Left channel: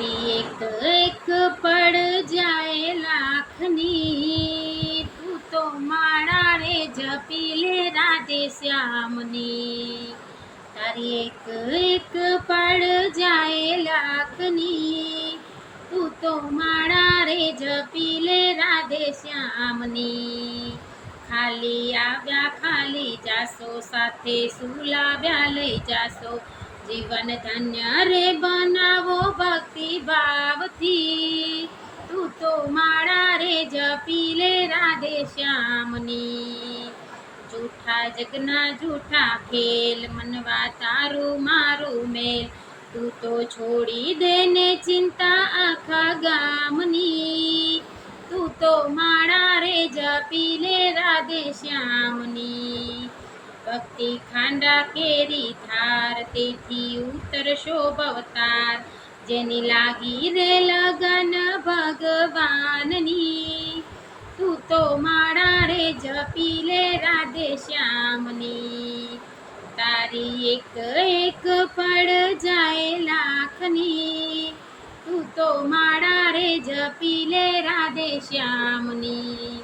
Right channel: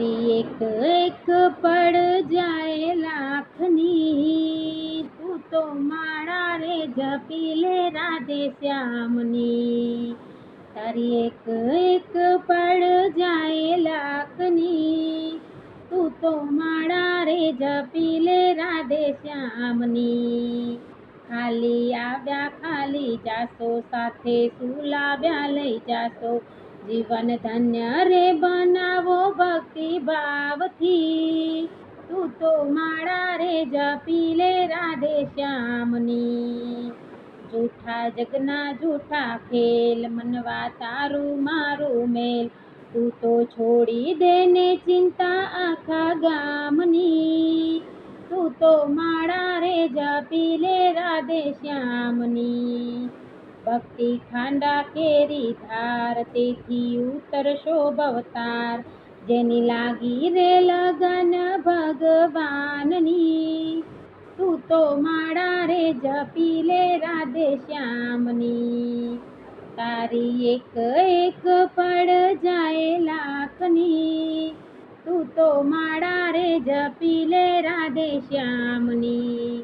તારી એક એક પડ જાય લાખની, તું તો માળા રે જપી લે રાધે શ્યામની. તારી એક એક પડ જાય લાખની, તું તો માળા રે જપી લે રાધે શ્યામની. ખાલી આવ્યા ખાલી જાશો, સાથે સુલાવ્યા લઈ જાશો, જીવન ધન્ય રે બનાવો ભક્તિ ભાવથી, તું તો માળા રે જપી લે રાધે શ્યામની. જૂઠા જગના જૂઠા ખેલ, મનવા તારું મારું મેલ, તું તો છોડી દે ને ચિંતા આખા ગામની, તું તો માળા રે જપી લે રાધે શ્યામની. ભક્તિ ખાંડા કેરી ધાર, તેથી ઉતરશો ભવતાર, જેની લાગી રે લગન ભગવાનની, તું તો માળા રે જપી લે રાધે શ્યામની. તારી એક એક પડ જાય લાખની, તું તો માળા રે જપી લે રાધે શ્યામની.